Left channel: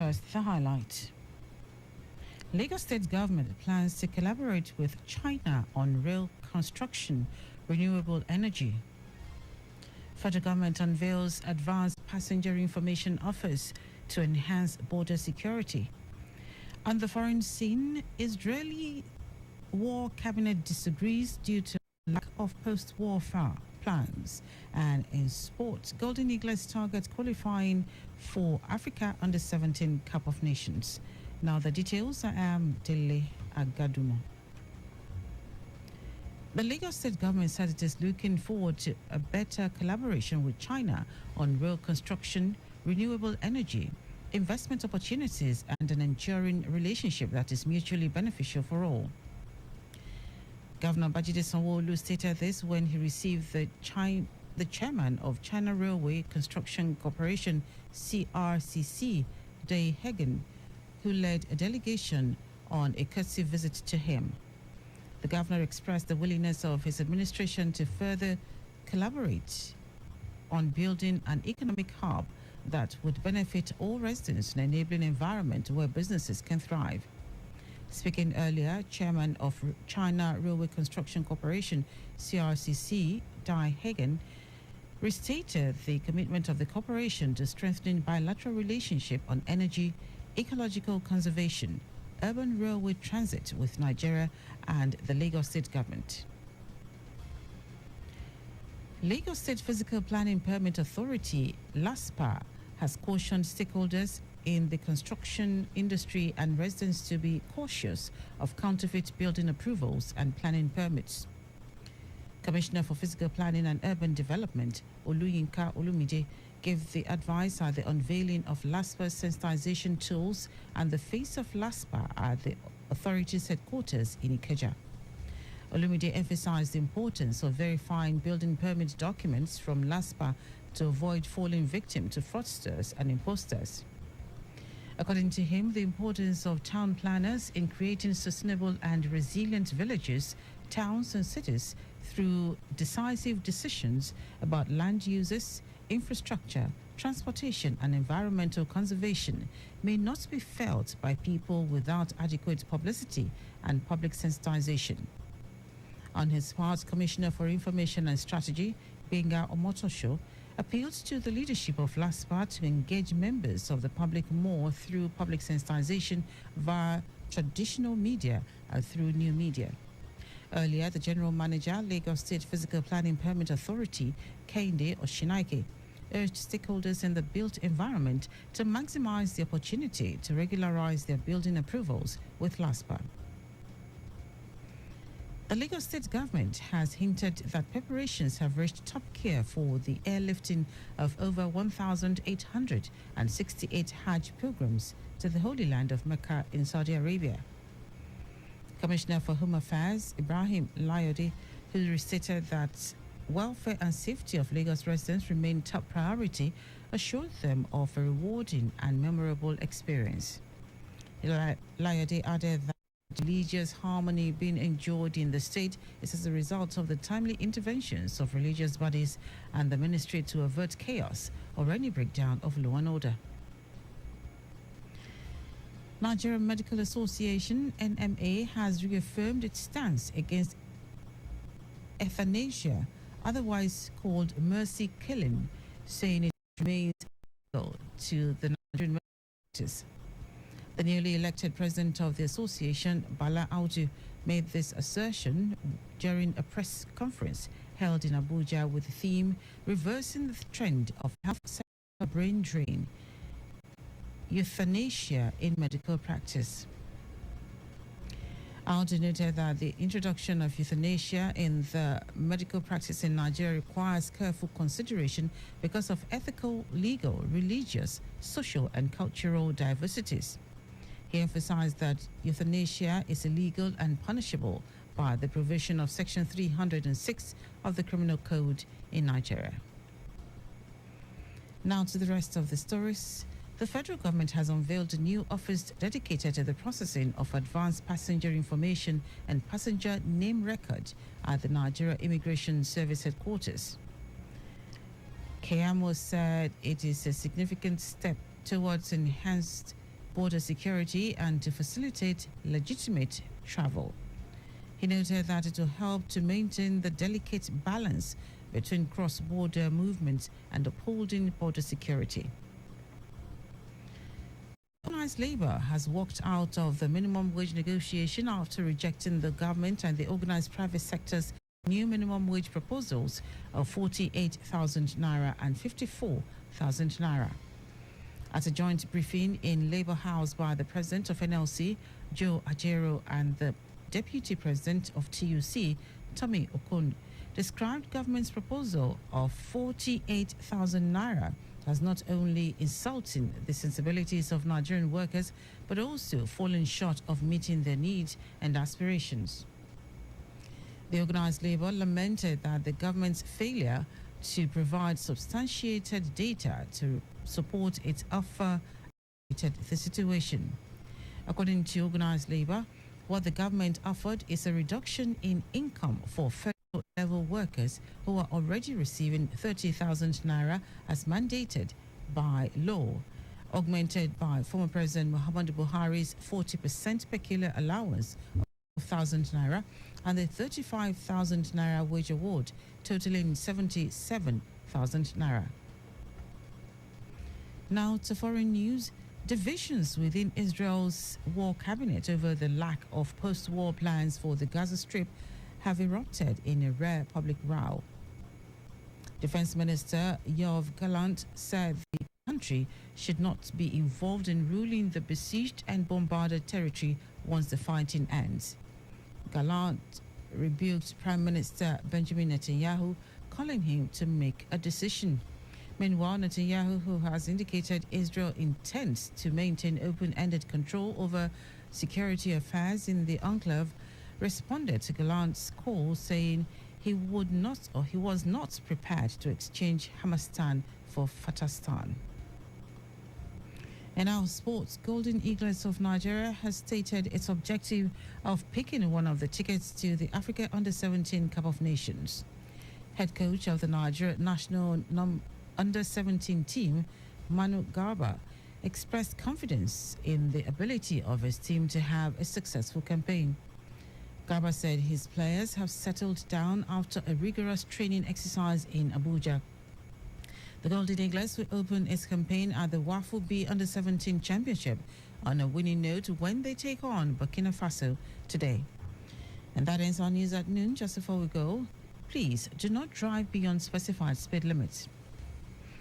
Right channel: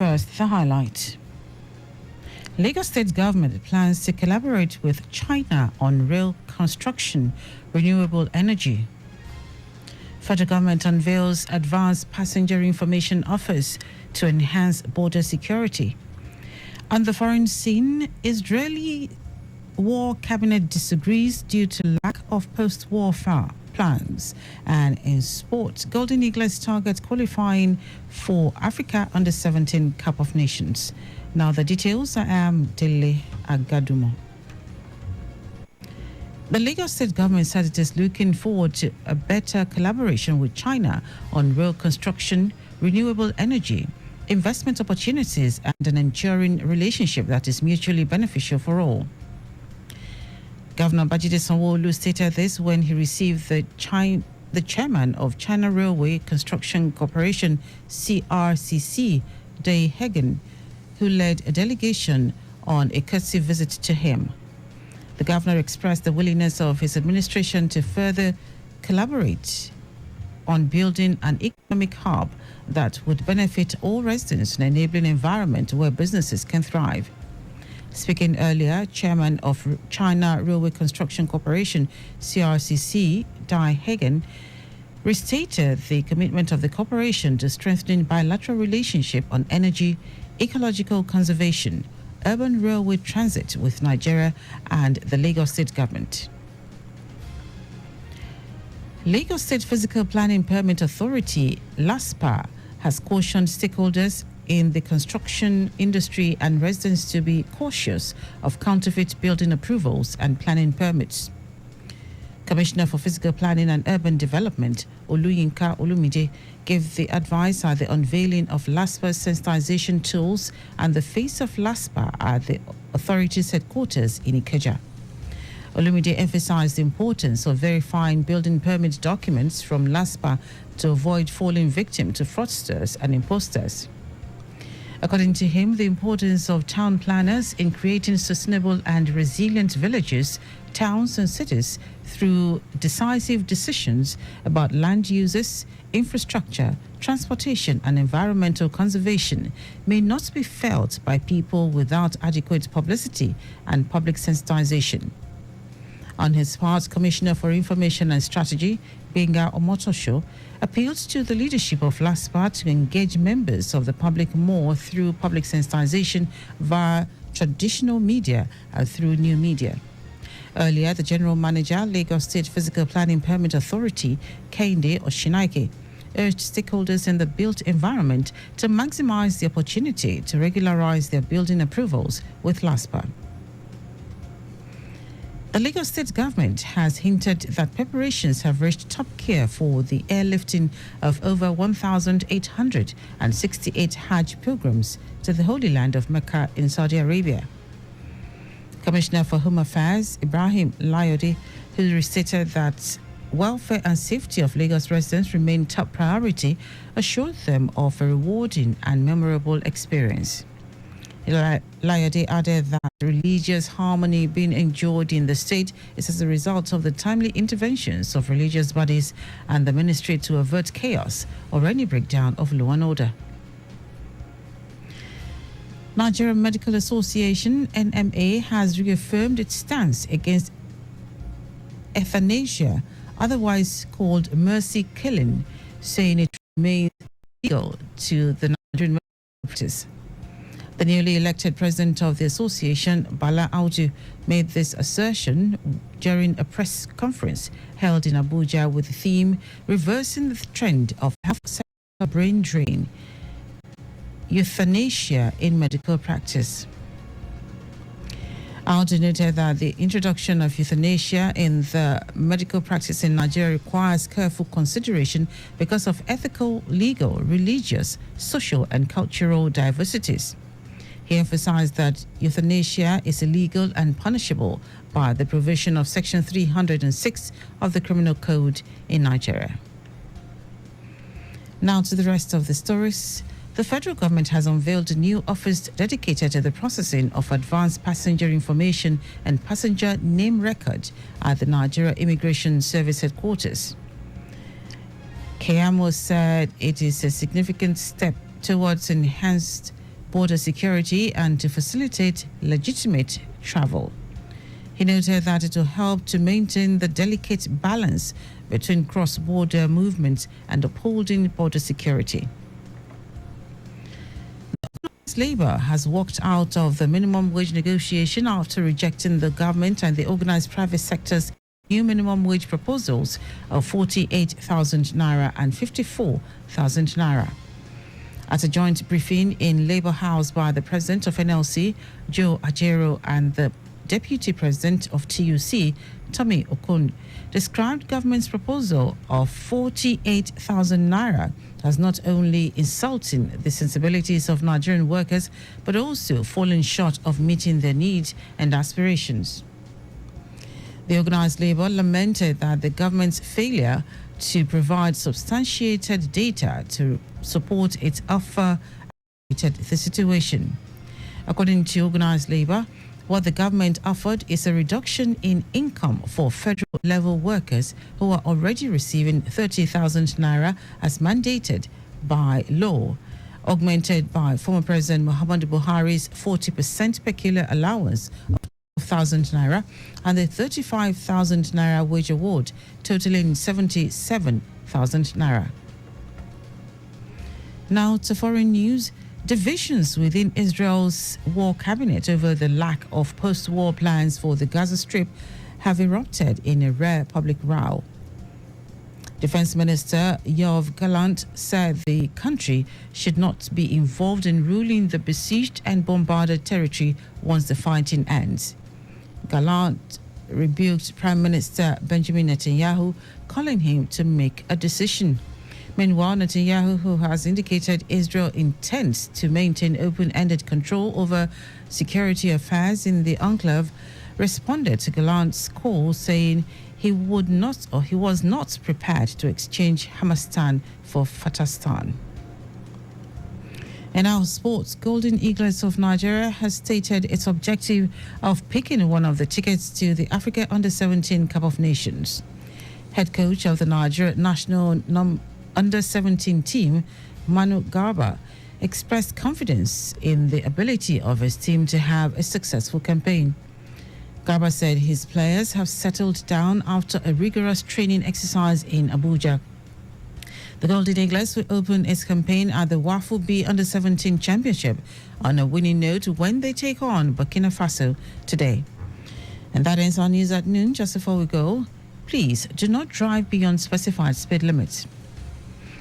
First, the highlight. Lagos State government plans to collaborate with China on rail construction, renewable energy. Federal government unveils advanced passenger information office to enhance border security. On the foreign scene, Israeli war cabinet disagrees due to lack of post-war plans. And in sports, Golden Eagles target qualifying for Africa Under-17 Cup of Nations. Now the details. I am Dele Agadumo. The Lagos State government said it is looking forward to a better collaboration with China on rail construction, renewable energy, investment opportunities, and an enduring relationship that is mutually beneficial for all. Governor Babajide Sanwo-Olu stated this when he received the chairman of China Railway Construction Corporation, CRCC, Dele Agadumo, who led a delegation on a courtesy visit to him. The governor expressed the willingness of his administration to further collaborate on building an economic hub that would benefit all residents in an enabling environment where businesses can thrive. Speaking earlier, Chairman of China Railway Construction Corporation, CRCC, Dele Agadumo, restated the commitment of the corporation to strengthening bilateral relationship on energy, ecological conservation, urban railway transit with Nigeria and the Lagos State government. Lagos State Physical Planning Permit Authority, LASPA, has cautioned stakeholders in the construction industry and residents to be cautious of counterfeit building approvals and planning permits. Commissioner for Physical Planning and Urban Development, Oluyinka Olumide, gave the advice at the unveiling of LASPA's sensitization tools and the face of LASPA at the authority's headquarters in Ikeja. Olumide emphasized the importance of verifying building permit documents from LASPA to avoid falling victim to fraudsters and imposters. According to him, the importance of town planners in creating sustainable and resilient villages, towns and cities through decisive decisions about land uses, infrastructure, transportation and environmental conservation may not be felt by people without adequate publicity and public sensitization. On his part, Commissioner for Information and Strategy, Benga Omotosho, appealed to the leadership of LASPA to engage members of the public more through public sensitization via traditional media and through new media. Earlier, the General Manager, Lagos State Physical Planning Permit Authority, Kehinde Oshinaike, urged stakeholders in the built environment to maximize the opportunity to regularize their building approvals with LASPA. The Lagos State government has hinted that preparations have reached top gear for the airlifting of over 1,868 Hajj pilgrims to the Holy Land of Mecca in Saudi Arabia. Commissioner for Home Affairs, Ibrahim Layode, who restated that welfare and safety of Lagos residents remain top priority, assured them of a rewarding and memorable experience. Layode added that religious harmony being enjoyed in the state is as a result of the timely interventions of religious bodies and the ministry to avert chaos or any breakdown of law and order. Nigerian Medical Association, NMA, has reaffirmed its stance against euthanasia, otherwise called mercy killing, saying it remains illegal to the Nigerian medical practice. The newly elected president of the association, Bala Audu, made this assertion during a press conference held in Abuja with the theme Reversing the Trend of Health Sector Brain Drain, Euthanasia in Medical Practice. Audu noted that the introduction of euthanasia in the medical practice in Nigeria requires careful consideration because of ethical, legal, religious, social, and cultural diversities. He emphasized that euthanasia is illegal and punishable by the provision of Section 306 of the Criminal Code in Nigeria. Now to the rest of the stories. The federal government has unveiled a new office dedicated to the processing of advanced passenger information and passenger name record at the Nigeria Immigration Service headquarters. Keyamo said it is a significant step towards enhanced border security and to facilitate legitimate travel. He noted that it will help to maintain the delicate balance between cross-border movements and upholding border security. Organized Labour has walked out of the minimum wage negotiation after rejecting the government and the organized private sector's new minimum wage proposals of 48,000 naira and 54,000 naira. At a joint briefing in Labour House by the President of NLC, Joe Ajero, and the Deputy President of TUC, Tommy Okun, described government's proposal of 48,000 naira as not only insulting the sensibilities of Nigerian workers, but also falling short of meeting their needs and aspirations. The organized labour lamented that the government's failure to provide substantiated data to support its offer aggravated the situation. According to organized labour, what the government offered is a reduction in income for federal-level workers who are already receiving 30,000 naira as mandated by law, augmented by former President Muhammadu Buhari's 40% peculiar allowance of 12,000 naira and the 35,000 naira wage award, totaling 77,000 naira. Now to foreign news. Divisions within Israel's war cabinet over the lack of post-war plans for the Gaza Strip have erupted in a rare public row. Defense Minister Yoav Gallant said the country should not be involved in ruling the besieged and bombarded territory once the fighting ends. Gallant rebuked Prime Minister Benjamin Netanyahu, calling him to make a decision. Meanwhile, Netanyahu, who has indicated Israel intends to maintain open-ended control over security affairs in the enclave, responded to Gallant's call, saying he was not prepared to exchange Hamastan for Fatastan. In our sports, Golden Eagles of Nigeria has stated its objective of picking one of the tickets to the Africa Under-17 Cup of Nations. Head coach of the Nigeria national Under-17 team, Manu Garba, expressed confidence in the ability of his team to have a successful campaign. Garba said his players have settled down after a rigorous training exercise in Abuja. The Golden Eagles will open its campaign at the Wafu B Under-17 Championship on a winning note when they take on Burkina Faso today. And that ends our news at noon. Just before we go, please do not drive beyond specified speed limits.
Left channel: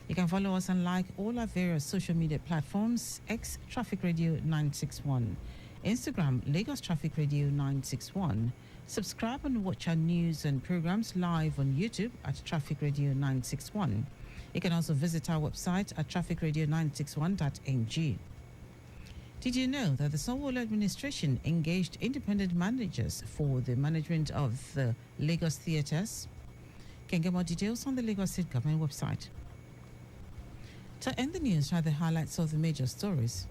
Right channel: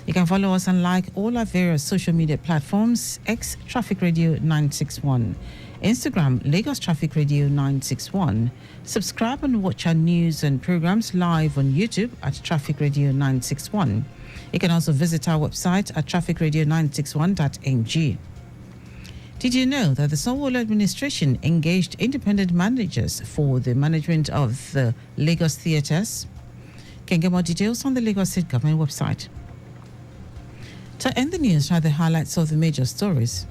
You can follow us and like all our various social media platforms: X Traffic Radio 961, Instagram Lagos Traffic Radio 961. Subscribe and watch our news and programs live on YouTube at Traffic Radio 961. You can also visit our website at trafficradio961.ng. Did you know that the Sanwo-Olu administration engaged independent managers for the management of the Lagos theatres? You can get more details on the Lagos State Government website. To end the news, try the highlights of the major stories.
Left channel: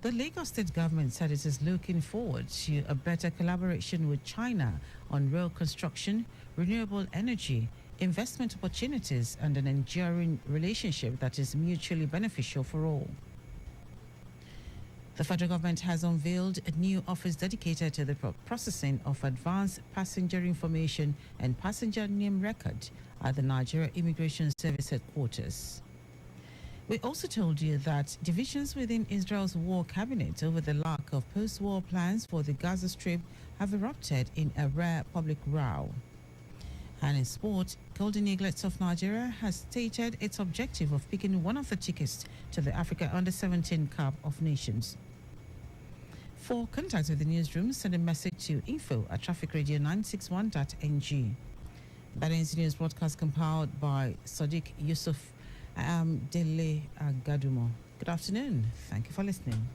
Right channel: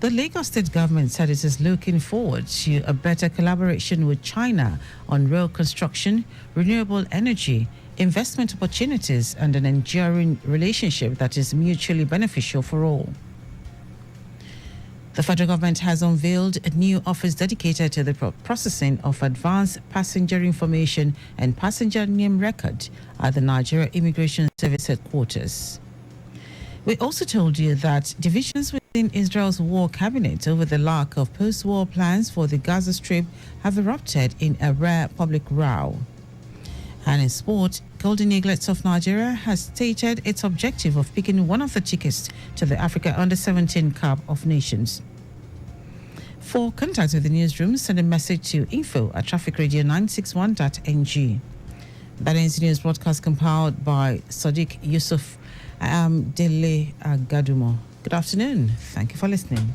The Lagos State government said it is looking forward to a better collaboration with China on rail construction, renewable energy, investment opportunities, and an enduring relationship that is mutually beneficial for all. The federal government has unveiled a new office dedicated to the processing of advanced passenger information and passenger name record at the Nigeria Immigration Service headquarters. We also told you that divisions within Israel's war cabinet over the lack of post-war plans for the Gaza Strip have erupted in a rare public row. And in sport, Golden Eagles of Nigeria has stated its objective of picking one of the tickets to the Africa Under-17 Cup of Nations. For contact with the newsroom, send a message to info@trafficradio961.ng. That ends the news broadcast compiled by Sadiq Yusuf. Dele Agadumo. Good afternoon. Thank you for listening.